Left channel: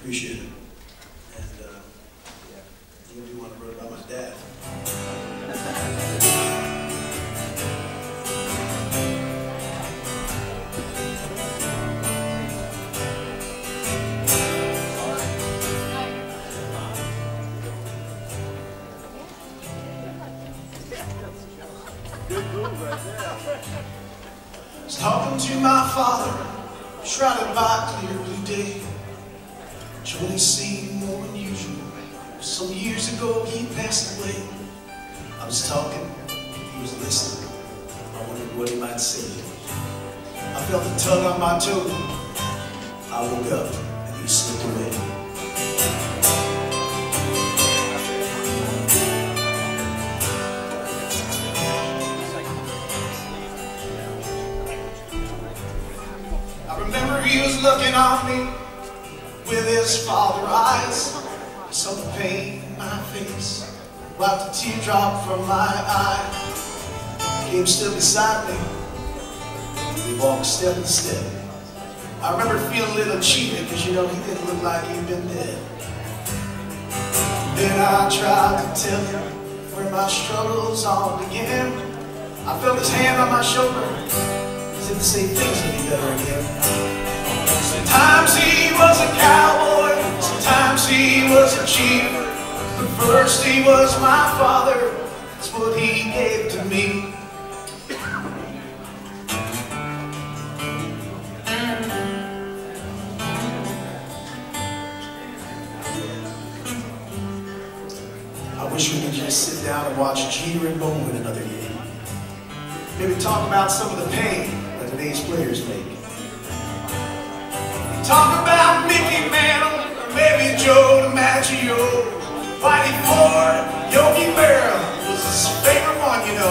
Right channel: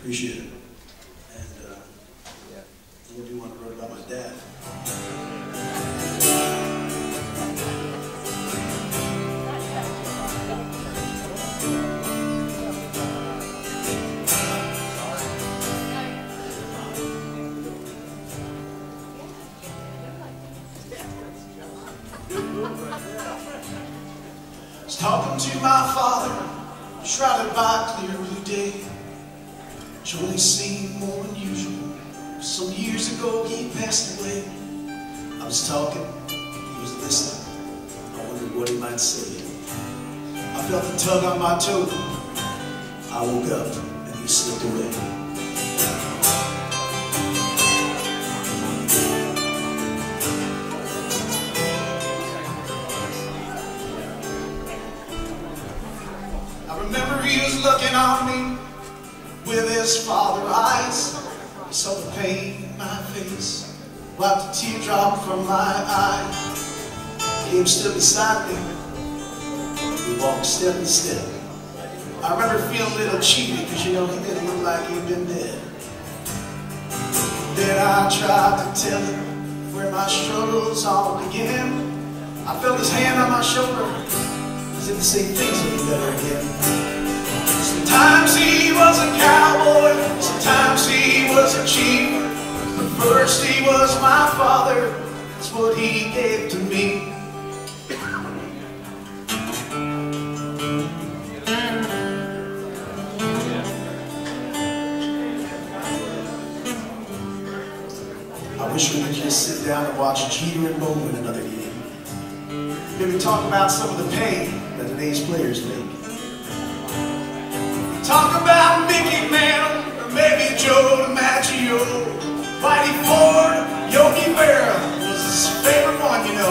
Appreciate it. And I'm going to do one I wrote about my dad. I was talking to my father, shrouded by a clear blue day. Joy seemed more unusual. Some years ago he passed away. I was talking, he was listening. I wondered what he might say. I felt the tug on my toe. I woke up and he slipped away. I remember he was looking on me with his father eyes. I saw the pain in my face, wiped a teardrop from my eye. He came stood beside me. We walked step by step. I remember feeling a little cheated because, you know, he didn't look like he'd been dead. Then I tried to tell him where my struggles all began. I felt his hand on my shoulder. He said the same things would be better again. Sometimes he was a cowboy, sometimes he was a chief, but first he was my father. That's what he gave to me. I wish we could just sit down and watch Jeter and Bo win another game. Maybe talk about some of the pain that today's players make. Talk about Mickey Mantle, or maybe Joe DiMaggio. Whitey Ford, Yogi Berra was his favorite one, you know.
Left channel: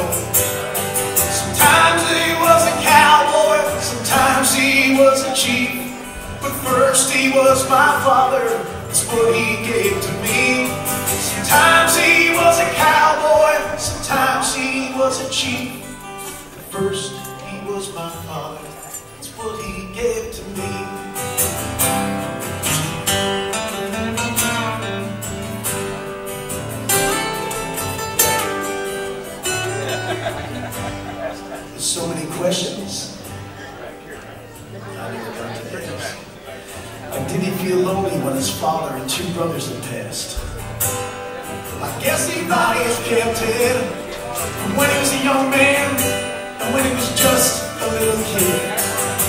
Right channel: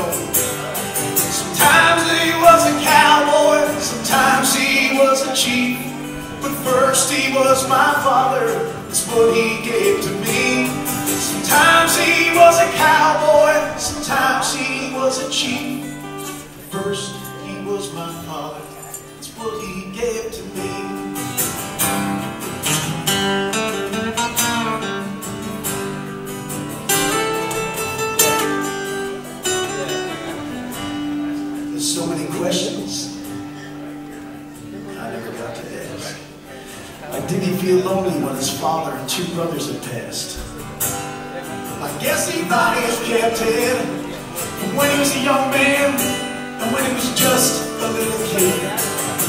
Sometimes he was a cowboy, sometimes he was a chief, but first he was my father. That's what he gave to me. Sometimes he was a cowboy, sometimes he was a chief, but first he was my father. That's what he gave to me. There's so many questions I never got to ask. Like, did he feel lonely when his father and two brothers had passed? I guess he thought he was kept in when he was a young man and when he was just a little kid.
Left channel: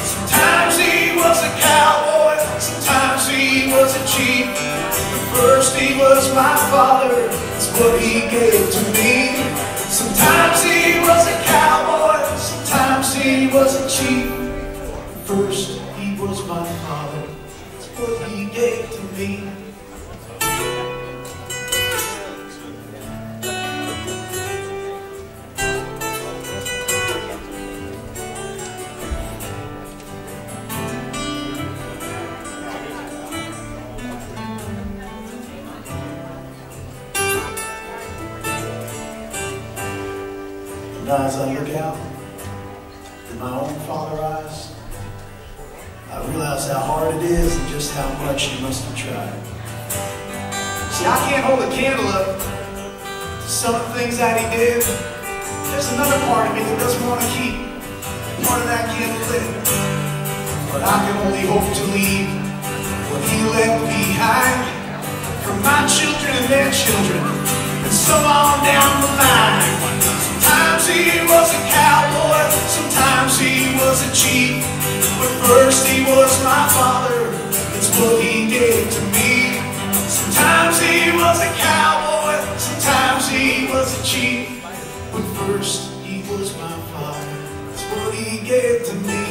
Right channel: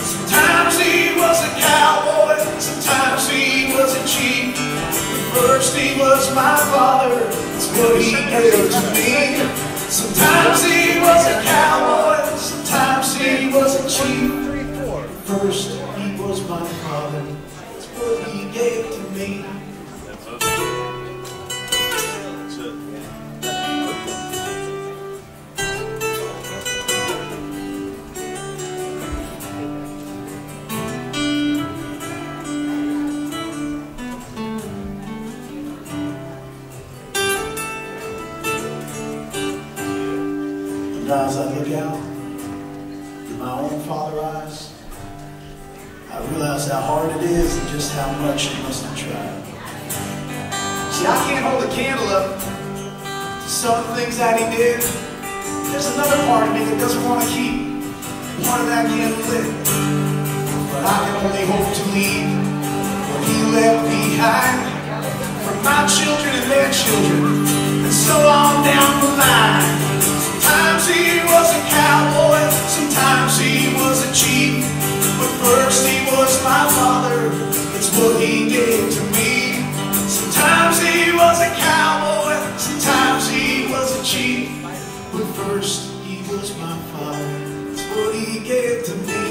Sometimes he was a cowboy, sometimes he was a chief, but first he was my father. That's what he gave to me. Sometimes he was a cowboy, sometimes he was a chief, but first he was my father. That's what he gave to me. As I look out through my own father eyes, I realize how hard it is and just how much he must have tried. See, I can't hold a candle up to some of the things that he did. There's another part of me that doesn't want to keep part of that candle lit. But I can only hope to leave what he left behind for my children and their children, and so on down the line. Sometimes he was a cowboy, sometimes he was a chief, but first he was my father. It's what he gave to me. Sometimes he was a cowboy, sometimes he was a chief, but first he was my father. It's what he gave to me.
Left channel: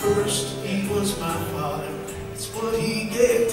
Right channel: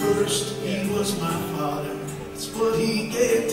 First he was my father. It's what he gave